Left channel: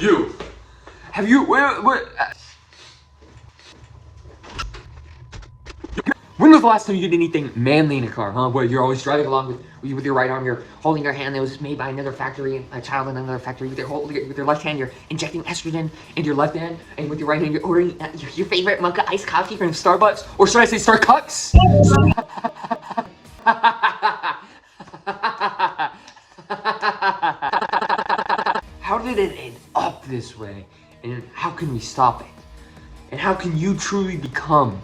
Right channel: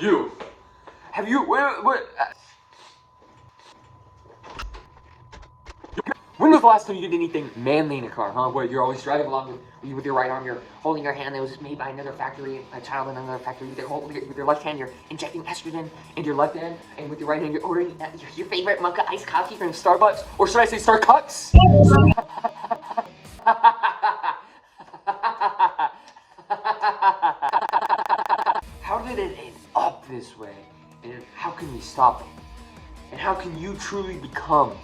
You. Have you, when was the last time you did anything manly in a car, huh? Where you're always driving along with your right arm, you're holding your hand that was made by another factory, a child in another factory. With your left hand, you're injecting estrogen into your left hand, and with your right hand, you're ordering your favorite mocha iced coffee from Starbucks, or should I say Starcuts? How did it end up this way? And how can we stop it? And how can you truly become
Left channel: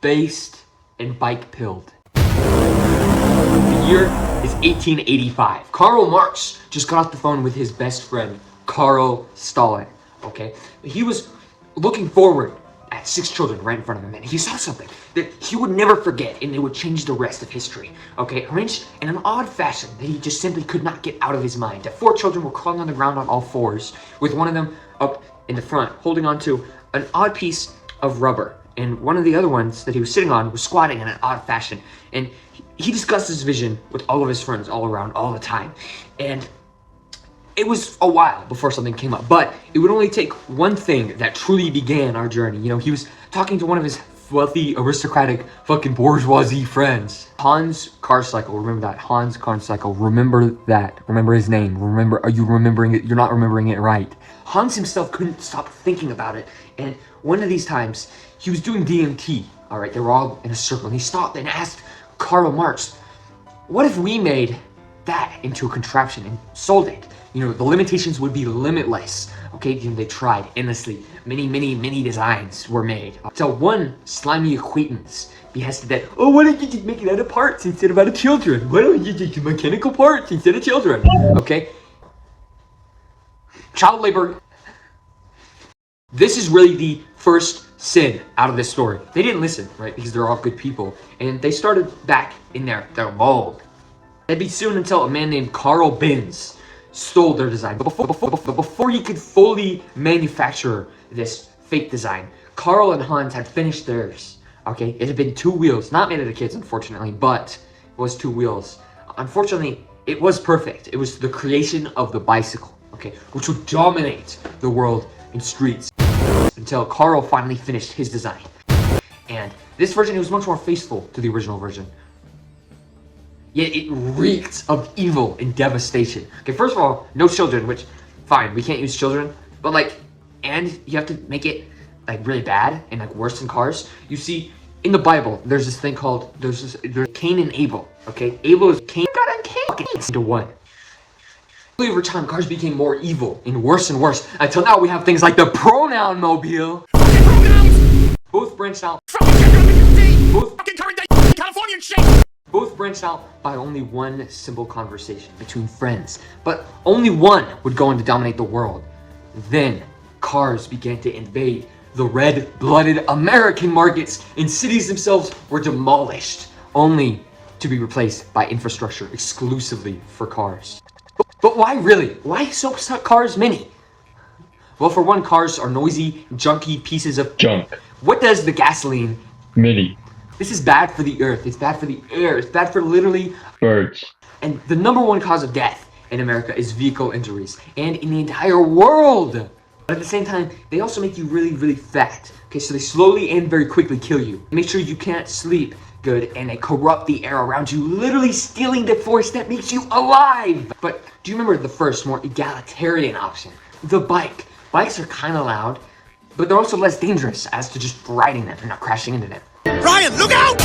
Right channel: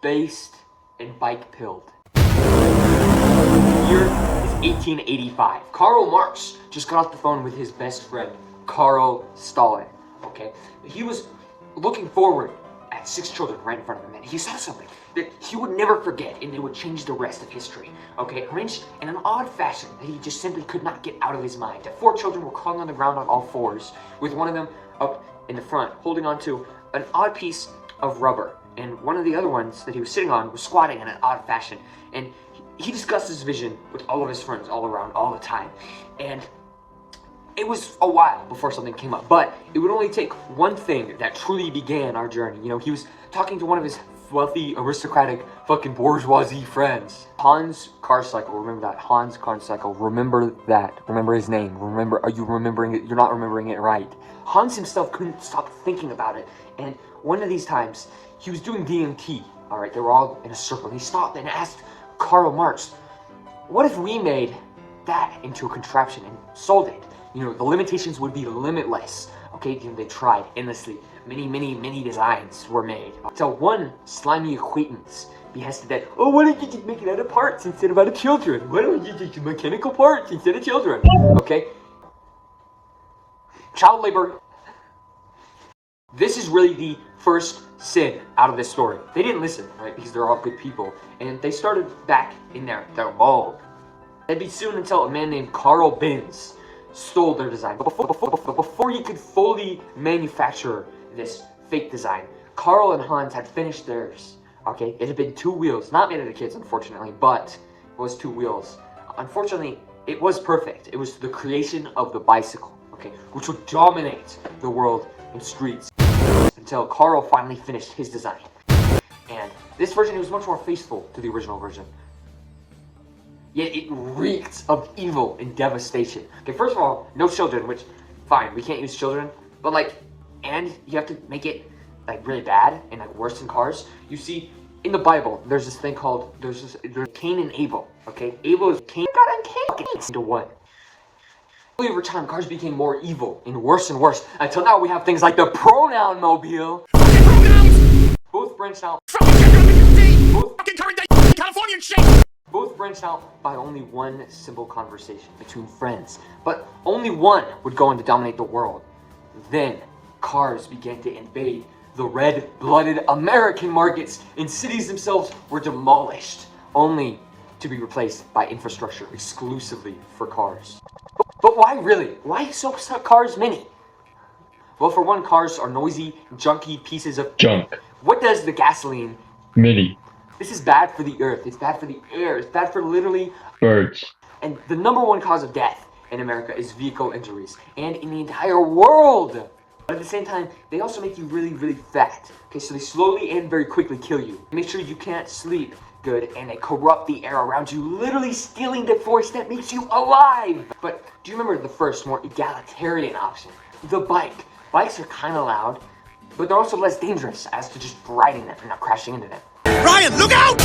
based and bike pilled? The year is 1885. Karl Marx just got off the phone with his best friend, Karl Stalin, okay? He was looking forward at 6 children right in front of him, and he saw something that he would never forget, and it would change the rest of history, okay? Arranged in an odd fashion that he just simply could not get out of his mind. The 4 children were crawling on the ground on all fours, with one of them up in the front, holding on to an odd piece of rubber, and one of the other ones that he was sitting on was squatting in an odd fashion, and he discussed his vision with all of his friends all around all the time, and it was a while before something came up, but it would only take one thing that truly began our journey. You know, he was talking to one of his wealthy, aristocratic, fucking bourgeoisie friends. Hans Carcycle, remember that. Hans Carcycle, remember that. Remember his name. Remember, are you remembering it? You're not remembering it right. Hans himself couldn't stop thinking about it, and one of these times, he was doing DMT, all right? They were all in a circle, and he stopped and asked Karl Marx, what if we made that into a contraption and sold it? You know, the limitations would be limitless. Okay, you know, they tried endlessly. Many designs were made. So one slimy acquaintance behested that, oh, why don't you just make it out of parts instead of out of children? Why don't you just do mechanical parts instead of children? Okay? Child labor. This is really the first sin out of this story. They didn't listen, right? Because they're all good people. And they started back in their mold. That'd be soon until a man named Carl Benz stole their design. But before he could fully manufacture this fake design, Carl and Hans had finished theirs. Okay, it had been 2 wheels, not made of the kids, unfortunately, but it was 2 wheels. Unfortunately, it was perfect. It was the creation of the bicycle, okay, which would dominate the world in streets until Carl finally finished his design. And this version, it was much more faithful to the original version. Yet it reeked of evil and devastation. Okay, first of all, no children, which, fine, we can't use children, but like, and you have to make it like really bad and like worse than cars. You see, in the Bible, there's this thing called, there's Cain and Abel, okay? Abel is Cain, God and Cain into one. Over time, cars became more evil and worse, until now we have things like the pronoun mobile. Both branched out. Both branched out by only one simple conversation between friends, but only one would go on to dominate the world. Then, cars began to invade the red-blooded American markets, and cities themselves were demolished, only to be replaced by infrastructure exclusively for cars. But why really? Why so cars many? Well, for one, cars are noisy, junky pieces of junk. What does the gasoline? Mini. This is bad for the earth. It's bad for the air. It's bad for literally birds. And the #1 cause of death in America is vehicle injuries, and in the entire world. But at the same time, they also make you really fat. Okay, so they slowly and very quickly kill you. Make sure you can't sleep good, and they corrupt the air around you, literally stealing the force that makes you alive. But do you remember the first, more egalitarian option? The bike. Bikes are kind of loud, but they're also less dangerous as to just riding them and not crashing into them. Ryan, look out!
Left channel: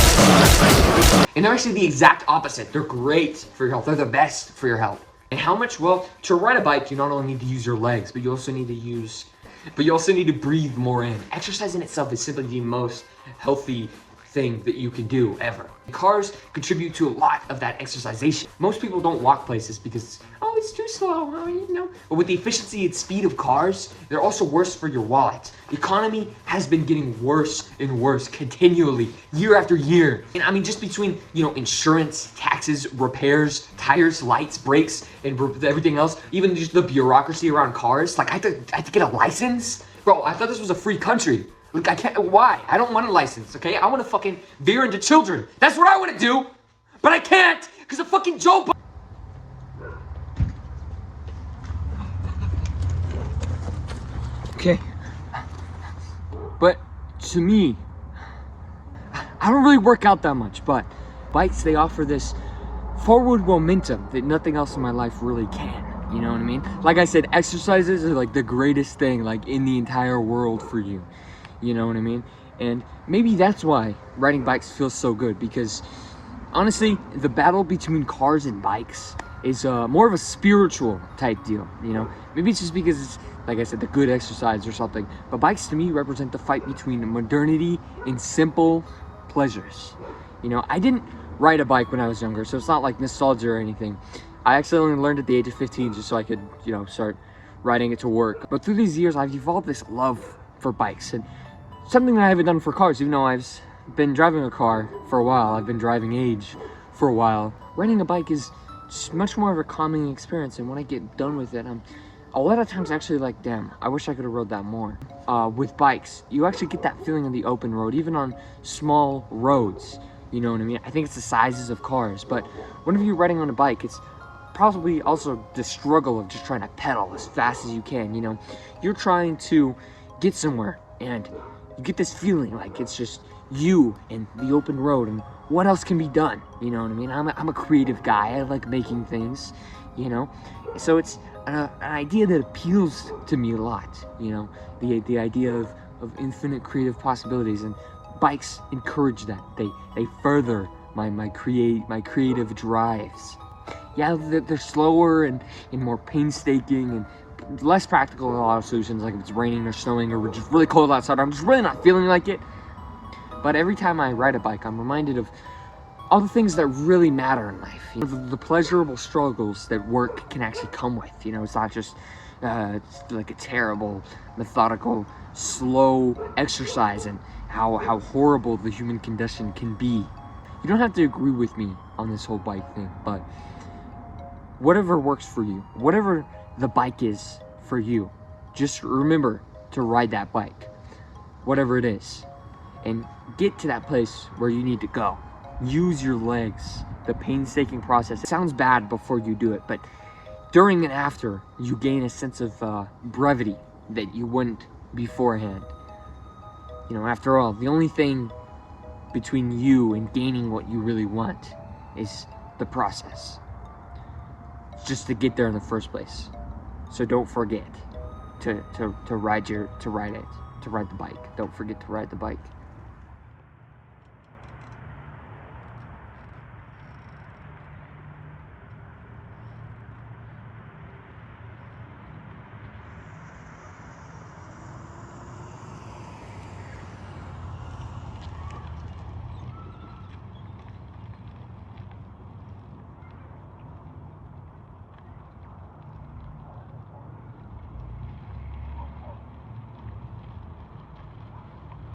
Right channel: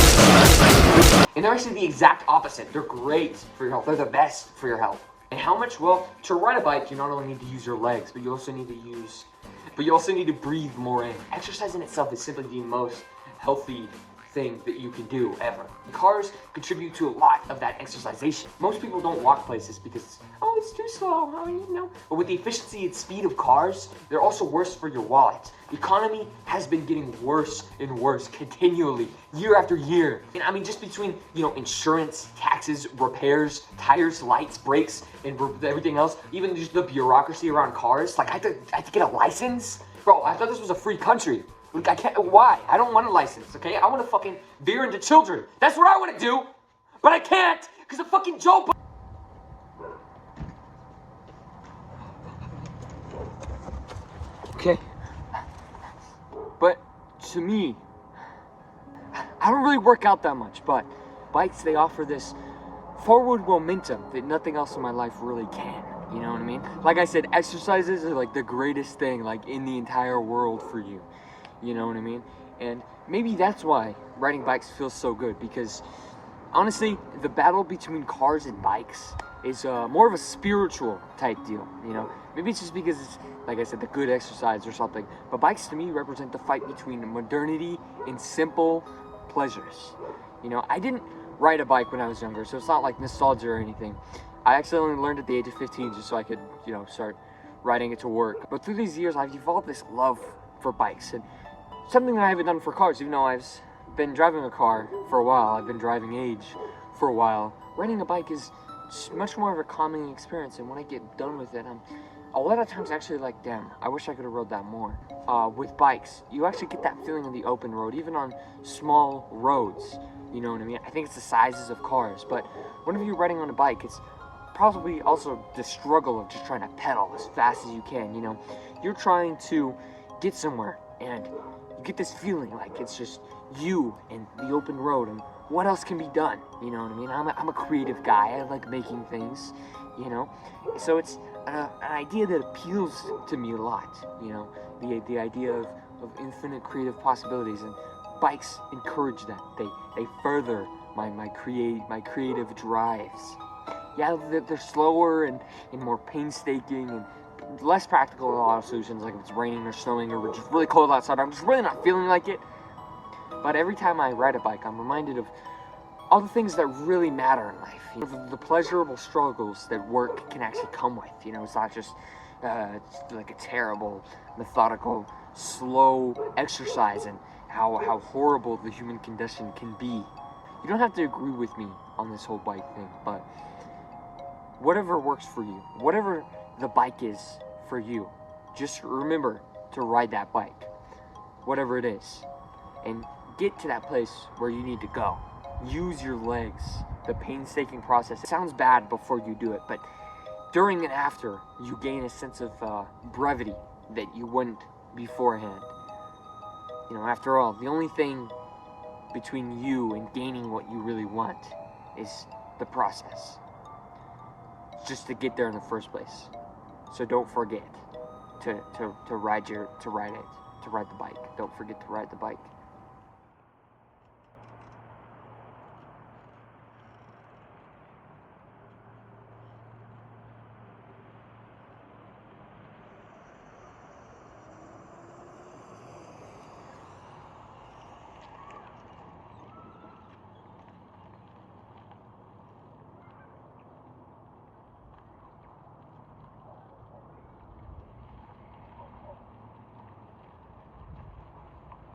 And they're actually the exact opposite. They're great for your health. They're the best for your health. And how much? Well, to ride a bike, you not only need to use your legs, but you also need to breathe more in. Exercise in itself is simply the most healthy thing that you can do ever. Cars contribute to a lot of that exercisation. Most people don't walk places because, oh, it's too slow, you know. But with the efficiency and speed of cars, they're also worse for your wallet. The economy has been getting worse and worse continually, year after year. And I mean, just between, you know, insurance, taxes, repairs, tires, lights, brakes, and everything else, even just the bureaucracy around cars, like I have to get a license? Bro, I thought this was a free country. Like, I can't, why? I don't want a license, okay? I want to fucking veer into children. That's what I want to do. But I can't, because of fucking Joe Biden. But to me, I don't really work out that much, but bikes, they offer this forward momentum that nothing else in my life really can. You know what I mean? Like I said, exercises are like the greatest thing like in the entire world for you. You know what I mean? And maybe that's why riding bikes feels so good, because honestly, the battle between cars and bikes is more of a spiritual type deal, you know? Maybe it's just because it's, like I said, the good exercise or something. But bikes to me represent the fight between modernity and simple pleasures. You know, I didn't ride a bike when I was younger, so it's not like nostalgia or anything. I actually only learned at the age of 15 just so I could, you know, start riding it to work. But through these years, I've evolved this love for bikes, and something that I haven't done for cars, even though I've been driving a car for a while, I've been driving age for a while. Riding a bike is just much more of a calming experience, and when I get done with it, I'm a lot of times actually like, damn, I wish I could have rode that more. With bikes, you actually get that feeling on the open road, even on small roads, you know what I mean? I think it's the sizes of cars, but whenever you're riding on a bike, it's probably also the struggle of just trying to pedal as fast as you can, you know? You're trying to get somewhere, and you get this feeling like it's just you and the open road, and what else can be done, you know what I mean? I'm a creative guy. I like making things, you know? So it's an idea that appeals to me a lot, you know? The idea of infinite creative possibilities, and bikes encourage that. They further my creative drives. Yeah, they're slower and more painstaking and less practical in a lot of solutions, like if it's raining or snowing or we're just really cold outside, I'm just really not feeling like it. But every time I ride a bike, I'm reminded of all the things that really matter in life. You know, the pleasurable struggles that work can actually come with. You know, it's not just it's like a terrible, methodical, slow exercise, and how horrible the human condition can be. You don't have to agree with me on this whole bike thing, but whatever works for you, whatever the bike is for you, just remember to ride that bike, whatever it is, and get to that place where you need to go. Use your legs, the painstaking process. It sounds bad before you do it, but during and after, you gain a sense of brevity that you wouldn't beforehand. You know, after all, the only thing between you and gaining what you really want is the process, just to get there in the first place. So don't forget to ride the bike. Don't forget to ride the bike.